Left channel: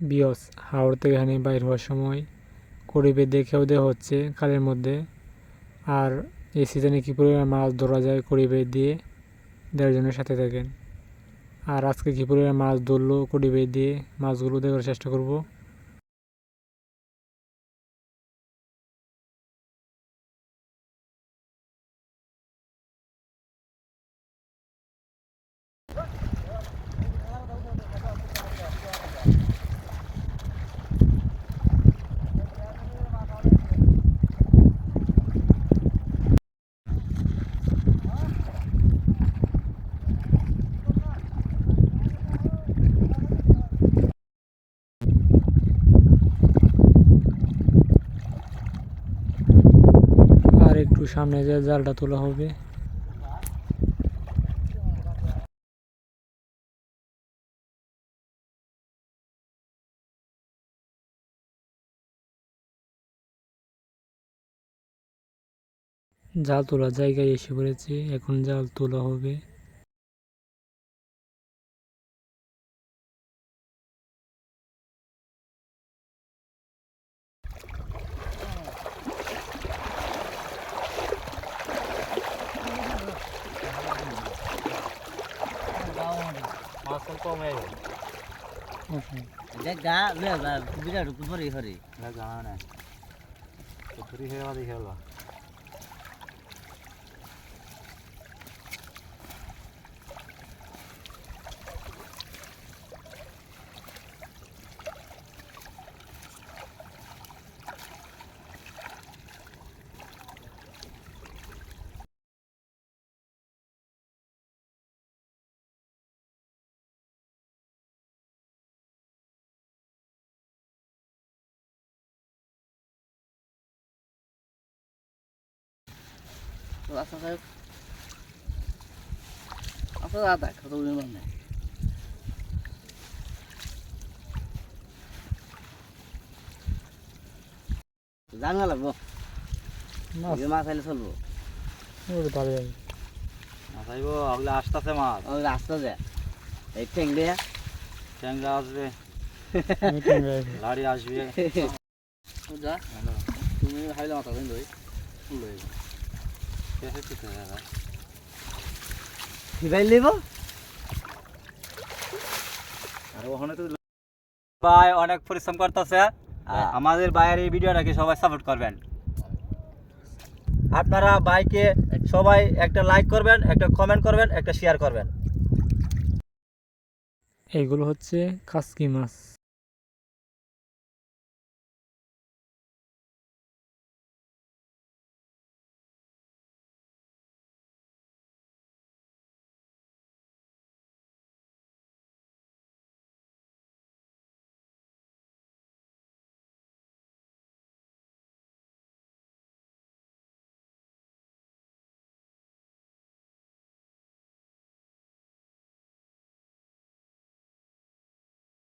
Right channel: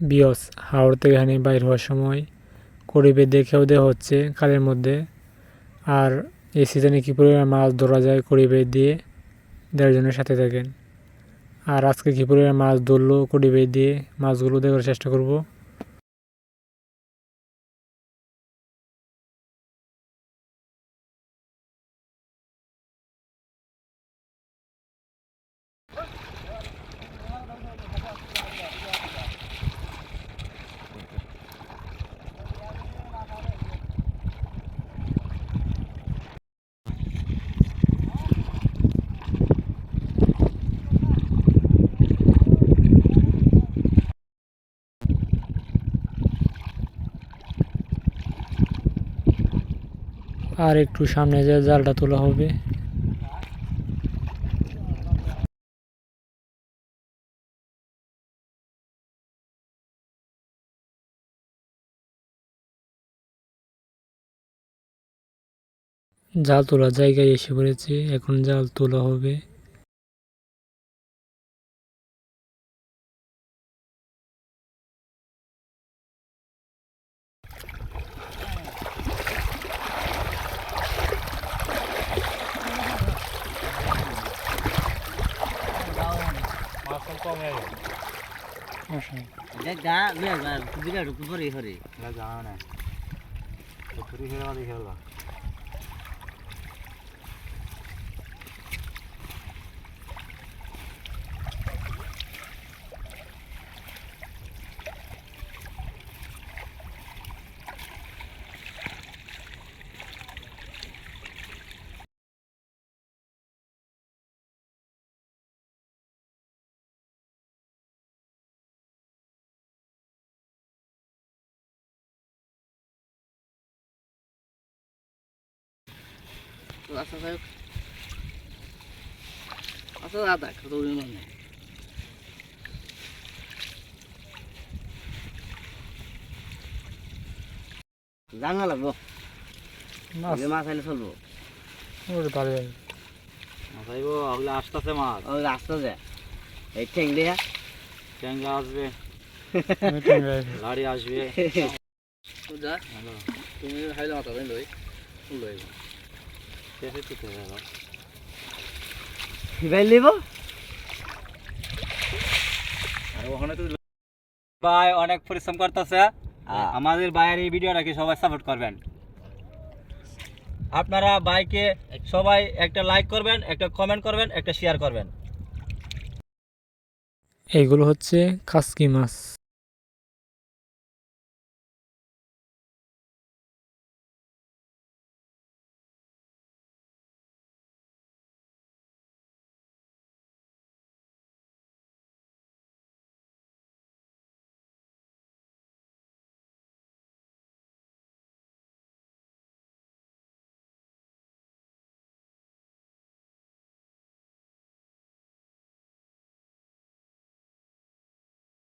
বিয়স হাওড় থেকে এখানে বাইর হওয়ার সময় করিবে দেখেও দেওয়া হচ্ছে খালের মধ্যে। আর এই সিজনে কী পরিমাণ মাছ ধরা যায় করিবে দিয়ে দেওয়ার জন্য সাথে থাকেন। আর আজকে কী পরিমাণ মাছ ধরলো করিবে দিয়ে মাছগুলো দেখার চেষ্টা করব। আর একটু সামনে যে জালটা তোলা হবে। জাল তোলার জায়গায় এসে পড়েছে, এখন জাল তোলা হবে। জানা লাগবো মাছ আইলে চলবো মাছ আইব ওগুলো আসতেছে মাছ রাস্তা যায় এই ঠেংলিয়া ট্যাংরা আসবে লাড়ি আসবে তুমি হাইলে মাথা দেন লই গাই লিব আর ওখানে তো ভাই অনেক পরিশ্রম করতেছে। আমাদের ভাইয়ের এই ভিডিওটাকে সবাই সাপোর্ট করবেন। আপনারা ভাইকে সবাই একটা লাইক করবেন, একটা কমেন্ট করবেন, একটা শেয়ার করবেন। এইগুলো হচ্ছে কাসকি মাছ।